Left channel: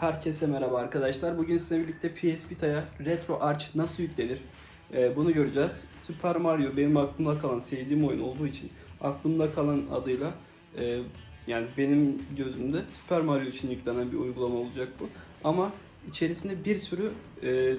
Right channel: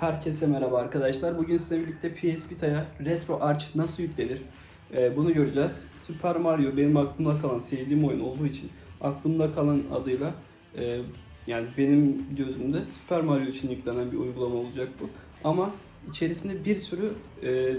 Herkese merhaba arkadaşlar. Bugün sizinle birlikte PS Vita'ya Retro Arch nasıl yüklenir Ee, bunu göreceğiz. Super Mario benim aklımda kalan sevdiğim oyun olduğu için aklımda kalan adıyla e, yani benim gözümde Super Mario için yüklenen bir uygulama olacak bu. Ama içerisinde bir sürü e,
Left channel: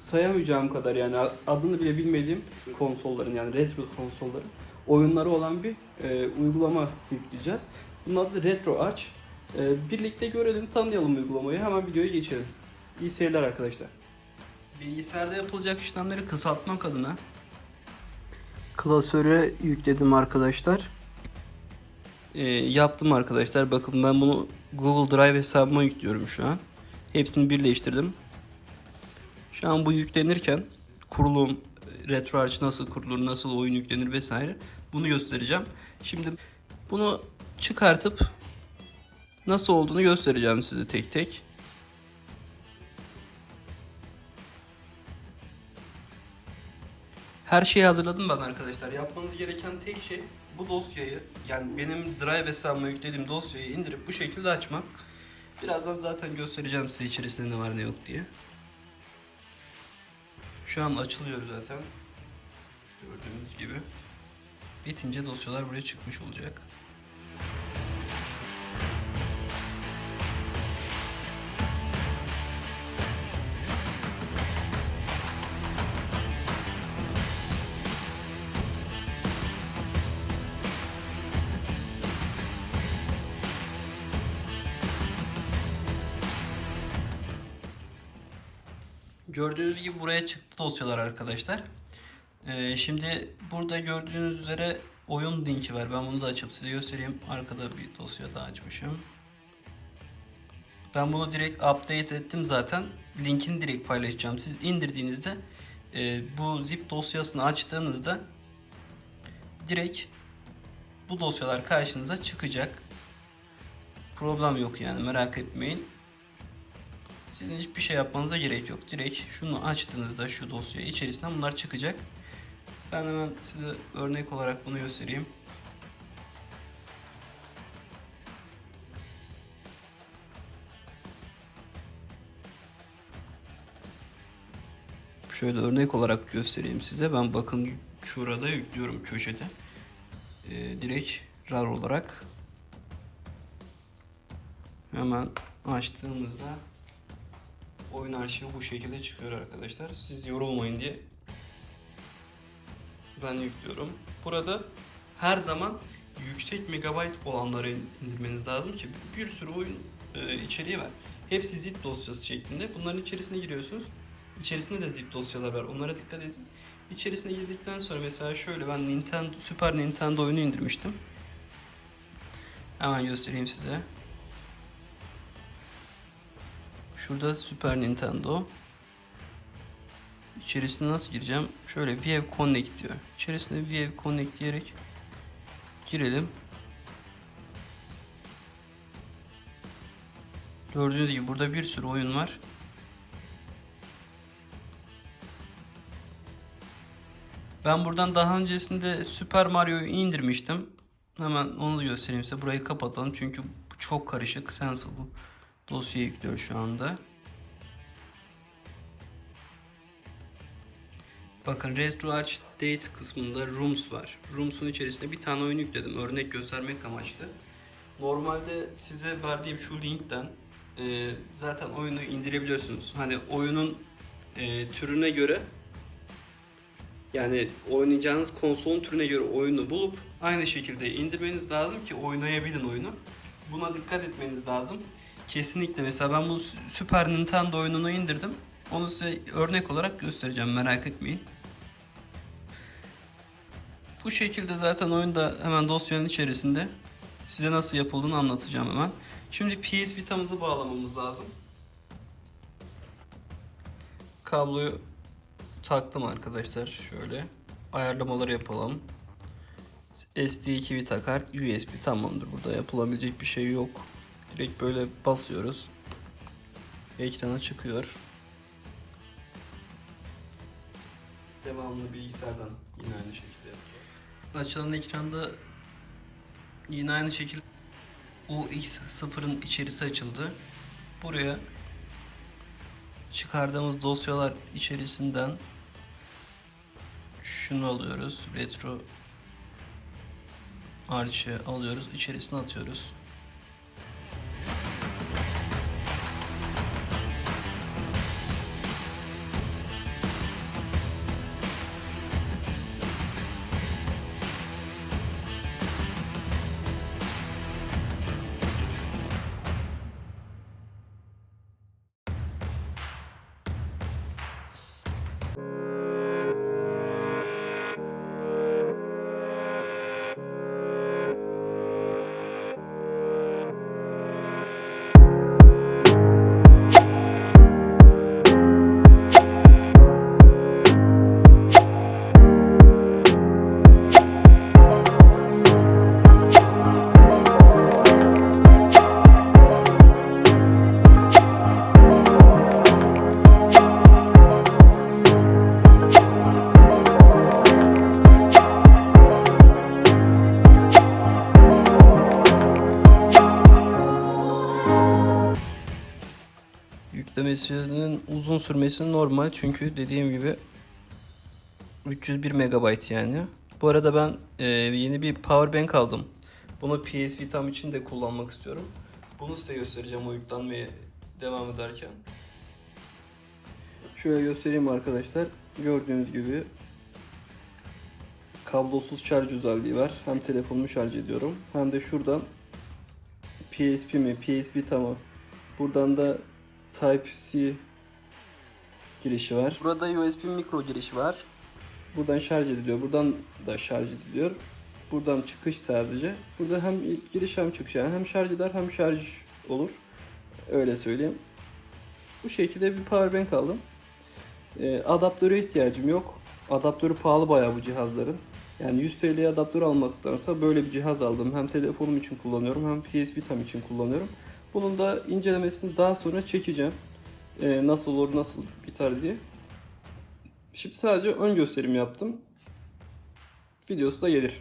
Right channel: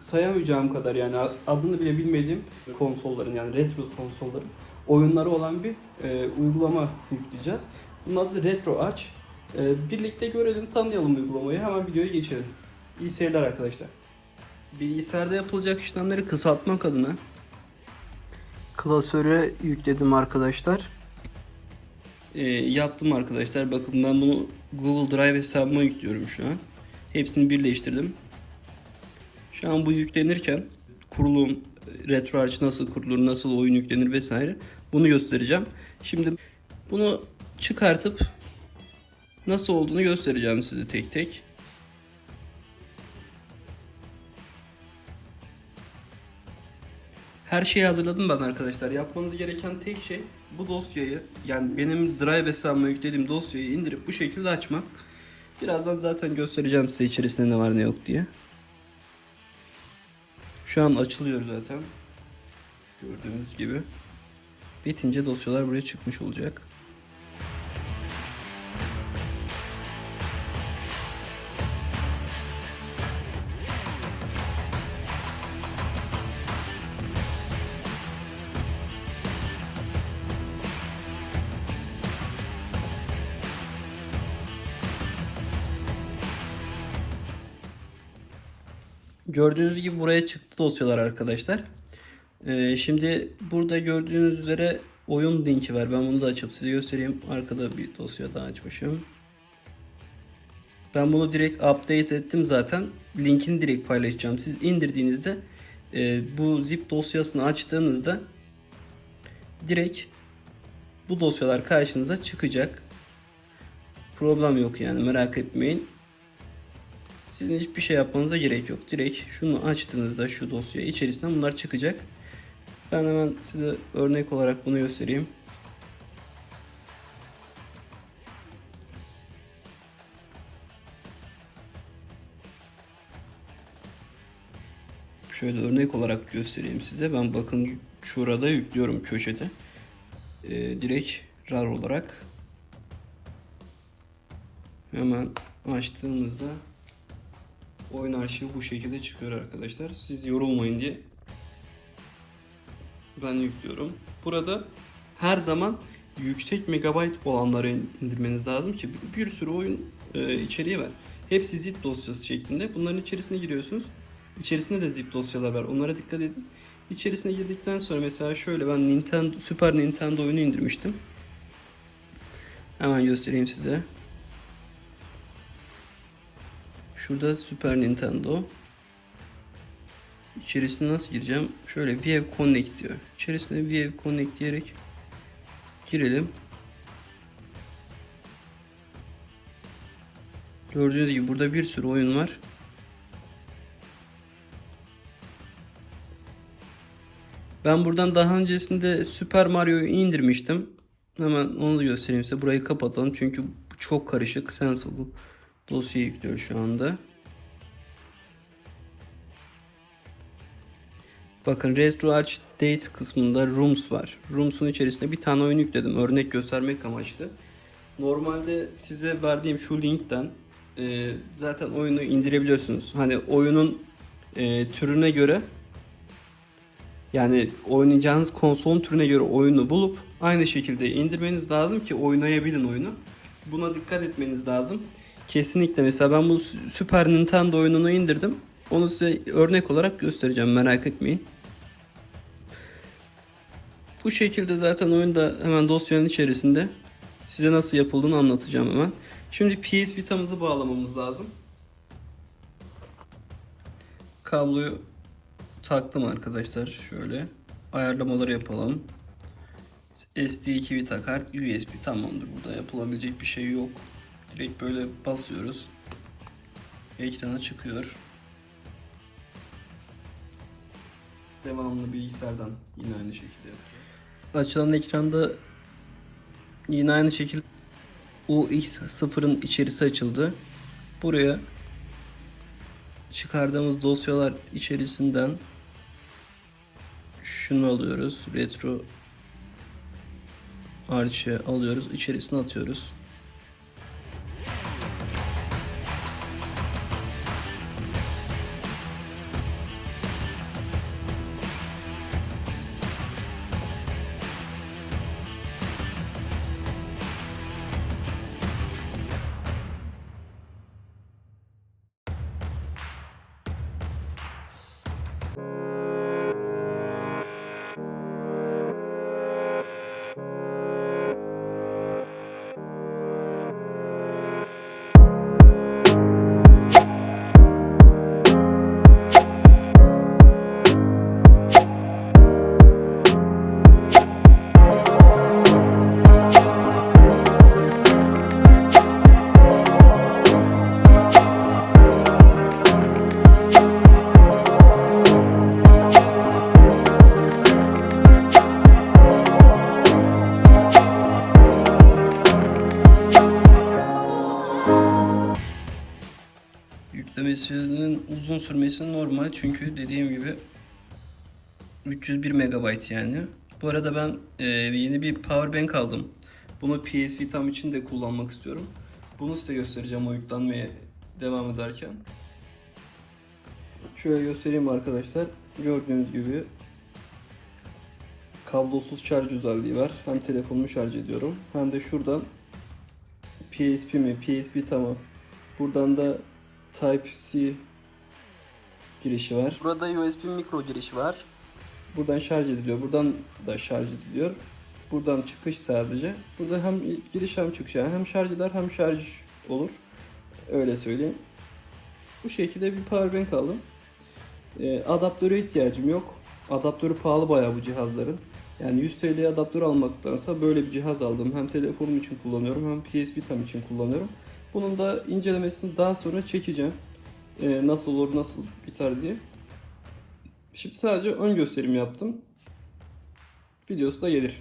sayamayacağım kadar yani adını bile bilmediğim konsolların yani retro konsolların oyunları olan bir e, uygulama yükleyeceğiz. Bunun adı Retro Arch. Ee, birlikte görelim, tanıyalım uygulamayı. Hemen videoya geçelim. İyi seyirler arkadaşlar. Bilgisayarda yapılacak işlemleri kısaltmak adına klasöre yükledim arkadaşlar. Ee, yaptım arkadaşlar. Bakın ben bunu Google Drive hesabıma yüklüyorum şu an. Hepsini birleştirdim. Şu an bu yüklenirken kurulum, RetroArch nasıl kurulur, nasıl oyun yüklenir vesaire bunu göstereceğim. Şimdi bunu çıkartıp nasıl olduğunu göstereceğim size tek tek. Her şeyi hazırladım ben arkadaşlar. Yapmanız gereken tek şey bu dosyayı yani benim Drive hesabıma yüklediğim dosyayı indirip bu şekilde açmak. Birazdan zaten göstereceğim size içerisinde ne var ne yok diye. Şu an açılıyor zaten. Gördüğünüz gibi. Bitince dosyalar buraya çıkmış olacak. Gördüğünüz gibi buraya çıktı dosyalar arkadaşlar. Ee, şimdi burada gördüğünüz üzere oyun linki var. Ben bunu da açıp size göstereyim. Arkada bir dosya daha açmışım. Ben bunu direkt update ettim zaten. Linkini direkt paylaşacağım. Siz indirdiğinizde e, bu zip dosyasını açtığınızda direkt bu dosyalar karşınıza çıkacak. Problem yok yani merak etmeyin. Sizin hiçbir şey yapmanıza gerek yok. Direkt şunu açtığınızda şu dosya içerisinden bunlar çıkacak. Ben hemen size örnek olarak bunu göstereyim. Şöyle örnek olarak göstereyim size. Ben bakın şurada yüklüyorum köşede. Ee, direkt RAR olarak hemen açtığımızda oyun arşivi bu şekilde çıkıyor arkadaşlar. Siz yorulmayın diye ben yüklüyorum. Burada her zaman yüksek megabayt olanları indirmeniz lazım ki bir sürü oyun e, içeriği var. Hepsi zip dosyası şeklinde. Bunların içerisine giriyorsunuz. İçerisinde de zip dosyalar var. Onlara dikkat edin. İçerisine girdikten sonra mesela şöyle ben Nintendo Super Nintendo oyunu indirmiştim. Hemen göstereyim size. Şurada Super Nintendo. İçerisine nasıl gireceğim? Şöyle View Connect diyor. İçerisine View Connect diyerek girelim. Gördüğünüz gibi burada bir sürü oyun var. Ben buradan daha öncesinde Super Mario'yu indirmiştim. Hemen onu da göstereyim size. Burayı kapatalım çünkü çok karışık. Sensible bu dosyayı yüklüyor şu anda. Bakın Retro Date kısmında Rooms var. Rooms'un içerisinde bir tane oyun yükledim. Örnek göstermek amaçlı. Normalde size verdiğim şu linkten e, zaten oyunu indirebiliyorsunuz. Hani oyunun e, türüne göre yani oynayacağınız konsolun türüne göre oyunu bulup aynı şekilde indirmeniz lazım ki oynayabilin oyunu. Buna dikkat etmeniz lazım. Kesinlikle mesela ben bu Super Nintendo oyununu indirdim. Onu size örnek olarak göstereceğim merak etmeyin. Bu şekilde zaten oyunda hemen dosyanın içerisinde size nasıl yapıldığını anlatacağım hemen. Şimdi PS Vita'mızı bağlamamız lazım. Kabloyu taktım arkadaşlar şöyle. Ayarlamaları yapalım. SD2 Vita kart USB tamamdır. Burada yapılabilecek bir şey yok. Direkt böyle basıyoruz. Ekrana çıkıyor. Devamlı bilgisayardan yine aynı şekilde yapacağız. Açılan ekranda yine aynı şekilde UX0'ın içerisi açıldı. buraya çıkardığımız dosyalar içerisinden şunu alıyoruz. Retro arçı alıyoruz. içerisine atıyoruz. Yüklemesinin uzun sürmesi normal çünkü dediğim gibi 301 MB yani. Bu arada ben e, yeni bir power bank aldım. Bunu PS Vitam için de kullanmak istiyorum. Bunu size göstereceğim o devam ederken. Şöyle göstereyim arkadaşlar. Gördüğünüz gibi kablosuz şarj özelliği var. Hem telefonumu şarj ediyorum hem de şuradan PSP mi, PS Vita mı? Buradan da Type-C girişi var. Burada USB mikro girişi var. Buradan şarj ediliyor. Buradan da şarj ediliyor. Buradan çıkış sadece. Burada hem giriş hem çıkış yani hem şarj eder hem şarj olur. Öyle söyleyeyim. Bu şekilde bir power bank aldım. Ee, adaptöre ihtiyacım yok. Adaptörü pahalı bayağı bu cihazların. Yani 100 TL adaptör almaktansa böyle bir cihaz aldım. Hem telefonum için kullanıyorum hem PS Vita'm için kullanıyorum. Bunun da incelemesini daha sonra çekeceğim. Ee, nasıl olur, nasıl biter diye. Şimdi sadece ön gösterim yaptım. Videosu da gelir.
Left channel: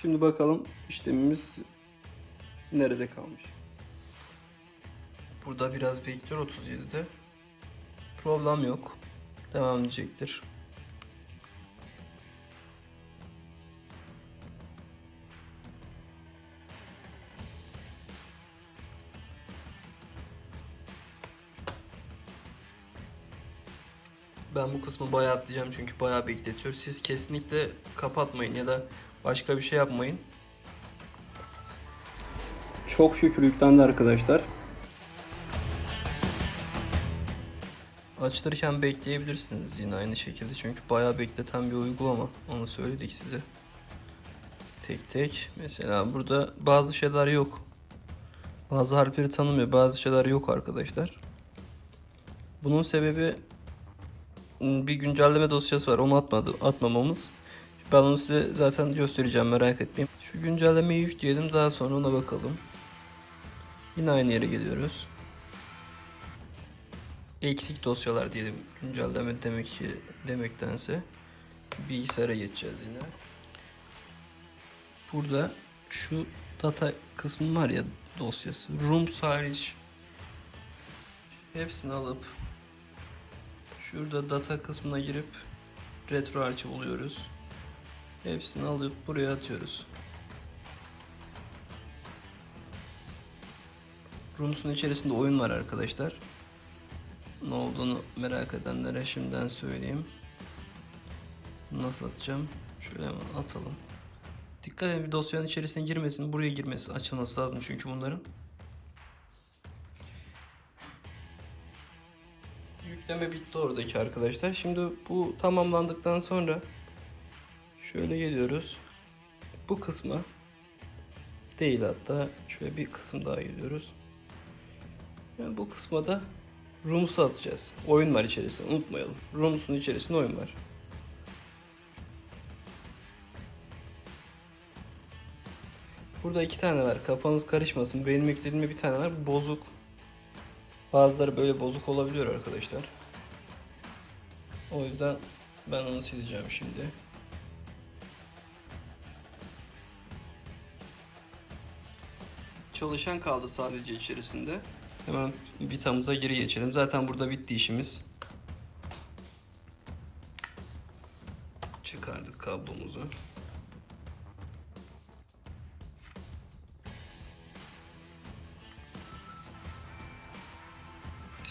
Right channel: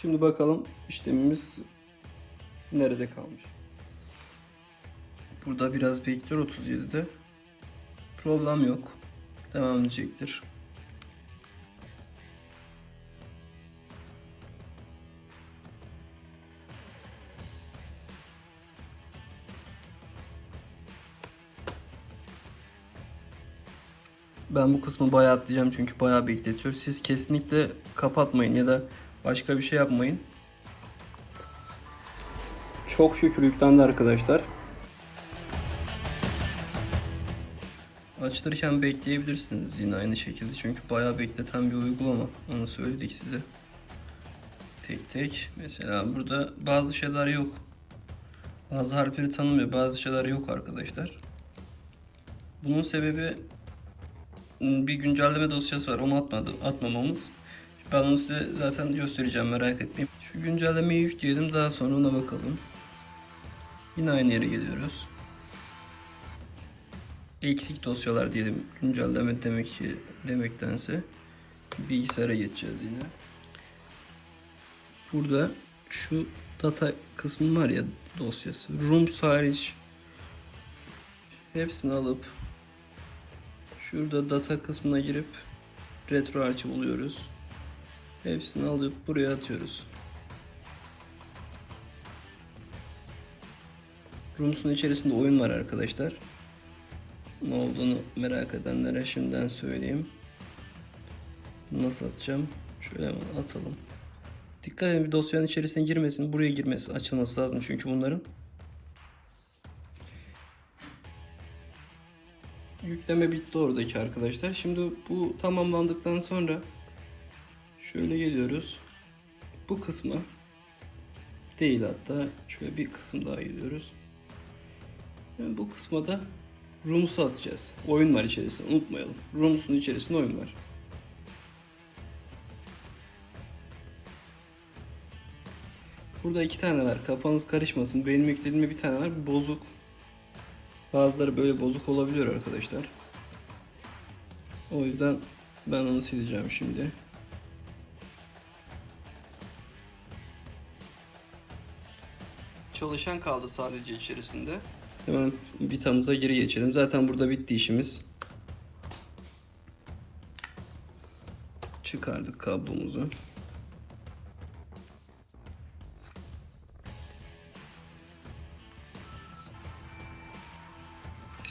Şimdi bakalım işlemimiz nerede kalmış. Burada biraz bekliyor 37'de. Problem yok. Devam edecektir. Ben bu kısmı bayağı atlayacağım çünkü bayağı bekletiyor. Siz kesinlikle kapatmayın ya da başka bir şey yapmayın. Çok şükür yüklendi arkadaşlar. Açtırırken bekleyebilirsiniz yine aynı şekilde çünkü bayağı bekleten bir uygulama. Onu söyledik size. Tek tek. Mesela burada bazı şeyler yok. Bazı harfleri tanımıyor. Bazı şeyler yok arkadaşlar. Bunun sebebi bir güncelleme dosyası var. Onu atmadı, atmamamız. Ben onu size zaten göstereceğim merak etmeyin. Şu güncellemeyi yükleyelim daha sonra ona bakalım. Yine aynı yere geliyoruz. Eksik dosyalar diyelim. Güncelleme demek ki demektense bilgisayara geçeceğiz yine. Burada şu data kısmı var ya dosyası. Rooms hariç hepsini alıp Şurada data kısmına girip retro arşiv buluyoruz. Hepsini alıp buraya atıyoruz. Rooms'un içerisinde oyun var arkadaşlar. Ne olduğunu merak edenlere şimdiden söyleyeyim. Nasıl atacağım? Şöyle atalım. Dikkat edin bir dosyanın içerisine girmesin. Buraya girmesi açılması lazım çünkü bunların. Yükleme bitti oradaki arkadaşlar. Şimdi bu tamamlandıktan sonra şöyle geliyoruz. Bu kısmı değil hatta şöyle bir kısım daha geliyoruz. Yani bu kısma da Rooms'u atacağız. Oyun var içerisinde unutmayalım. Rooms'un içerisinde oyun var. Burada iki tane var. Kafanız karışmasın. Benim eklediğimde bir tane var. Bozuk. Bazıları böyle bozuk olabiliyor arkadaşlar. O yüzden ben onu sileceğim şimdi. Çalışan kaldı sadece içerisinde. Hemen vitamıza geri geçelim. Zaten burada bitti işimiz. Çıkardık kablomuzu.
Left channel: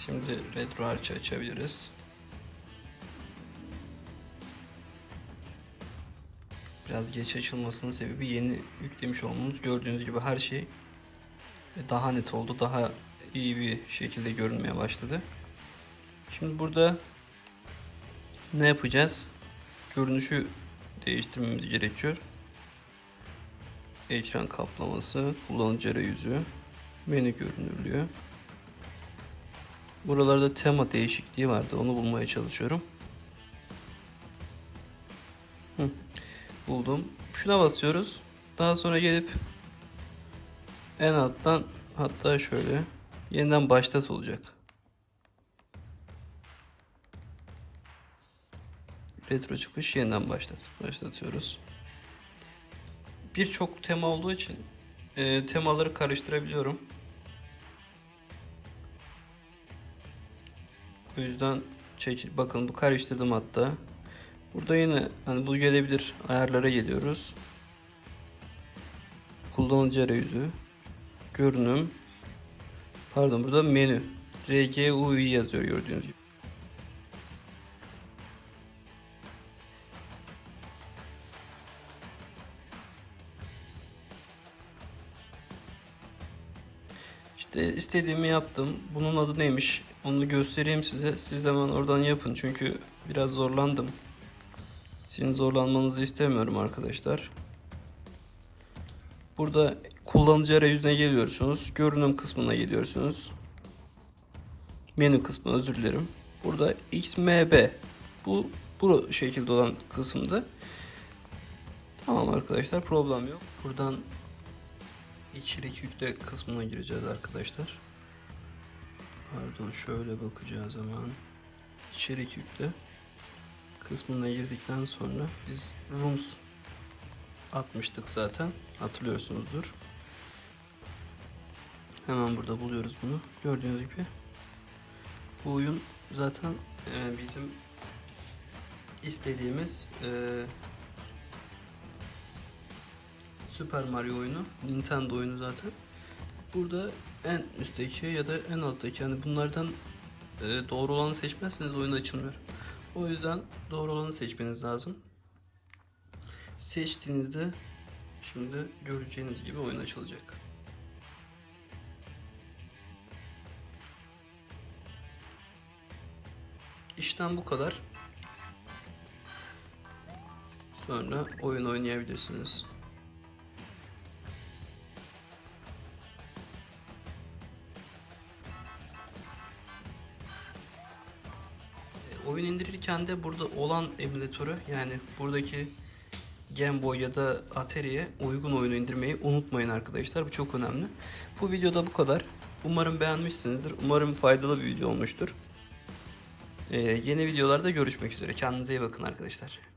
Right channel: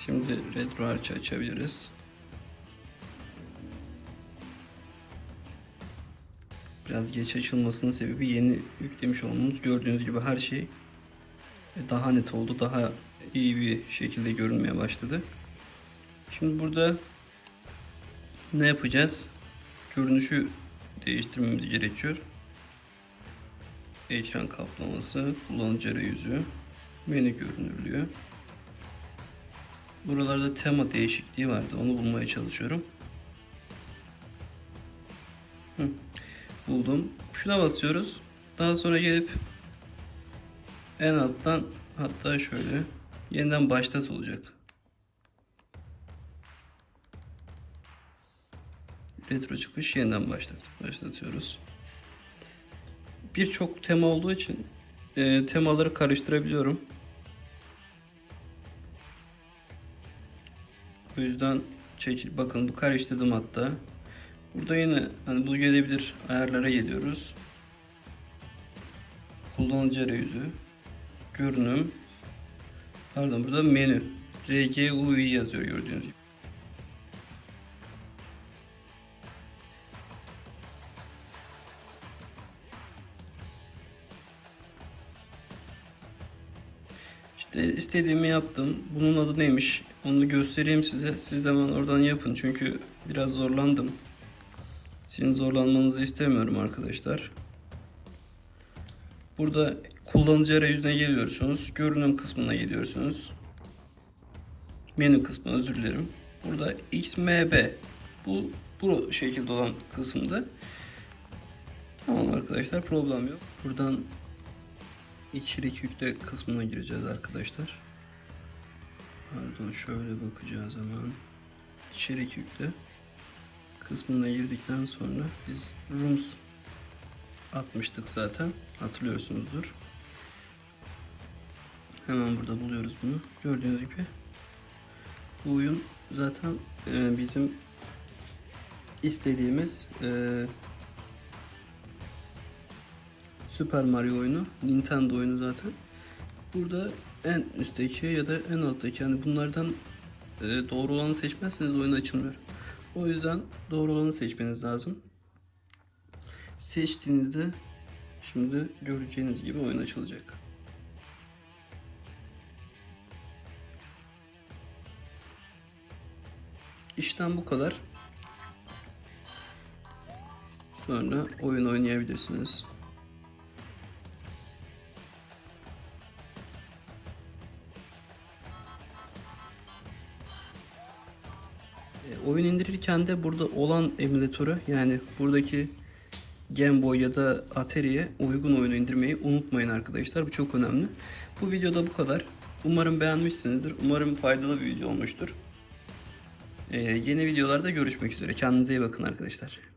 Şimdi retro açabiliriz. Biraz geç açılmasının sebebi yeni yüklemiş olmamız. Gördüğünüz gibi her şey daha net oldu. Daha iyi bir şekilde görünmeye başladı. Şimdi burada ne yapacağız? Görünüşü değiştirmemiz gerekiyor. Ekran kaplaması, kullanıcı arayüzü, menü görünürlüğü. Buralarda tema değişikliği vardı. Onu bulmaya çalışıyorum. Buldum. Şuna basıyoruz. Daha sonra gelip en alttan hatta şöyle yeniden başlat olacak. Retro çıkış yeniden başlat. Başlatıyoruz. Birçok tema olduğu için e, temaları karıştırabiliyorum. O yüzden çekil. Bakın bu karıştırdım hatta. Burada yine hani bu gelebilir ayarlara geliyoruz. Kullanıcı arayüzü. Görünüm. Pardon burada menü. RGUI yazıyor gördüğünüz gibi. İşte istediğimi yaptım. Bunun adı neymiş? Onu göstereyim size. Siz hemen oradan yapın. Çünkü biraz zorlandım. Sizin zorlanmanızı istemiyorum arkadaşlar. Burada kullanıcı arayüzüne geliyorsunuz. Görünüm kısmına geliyorsunuz. Menü kısmı özür dilerim. Burada XMB bu bu şekilde olan kısımda. Tamam arkadaşlar problem yok. Buradan içerik yükle kısmına gireceğiz arkadaşlar. Pardon şöyle bakacağız hemen. İçerik yükle kısmına girdikten sonra biz rooms atmıştık zaten. Hatırlıyorsunuzdur. Hemen burada buluyoruz bunu. Gördüğünüz gibi bu oyun zaten e, bizim istediğimiz e, Super Mario oyunu, Nintendo oyunu zaten. Burada en üstteki ya da en alttaki yani bunlardan e, doğru olanı seçmezseniz oyun açılmıyor. O yüzden doğru olanı seçmeniz lazım. Seçtiğinizde şimdi göreceğiniz gibi oyun açılacak. İşten bu kadar. Sonra oyun oynayabilirsiniz. Oyun indirirken de burada olan emülatörü yani buradaki Game Boy ya da Atari'ye uygun oyun indirmeyi unutmayın arkadaşlar. Bu çok önemli. Bu videoda bu kadar. Umarım beğenmişsinizdir. Umarım faydalı bir video olmuştur. Ee, yeni videolarda görüşmek üzere. Kendinize iyi bakın arkadaşlar.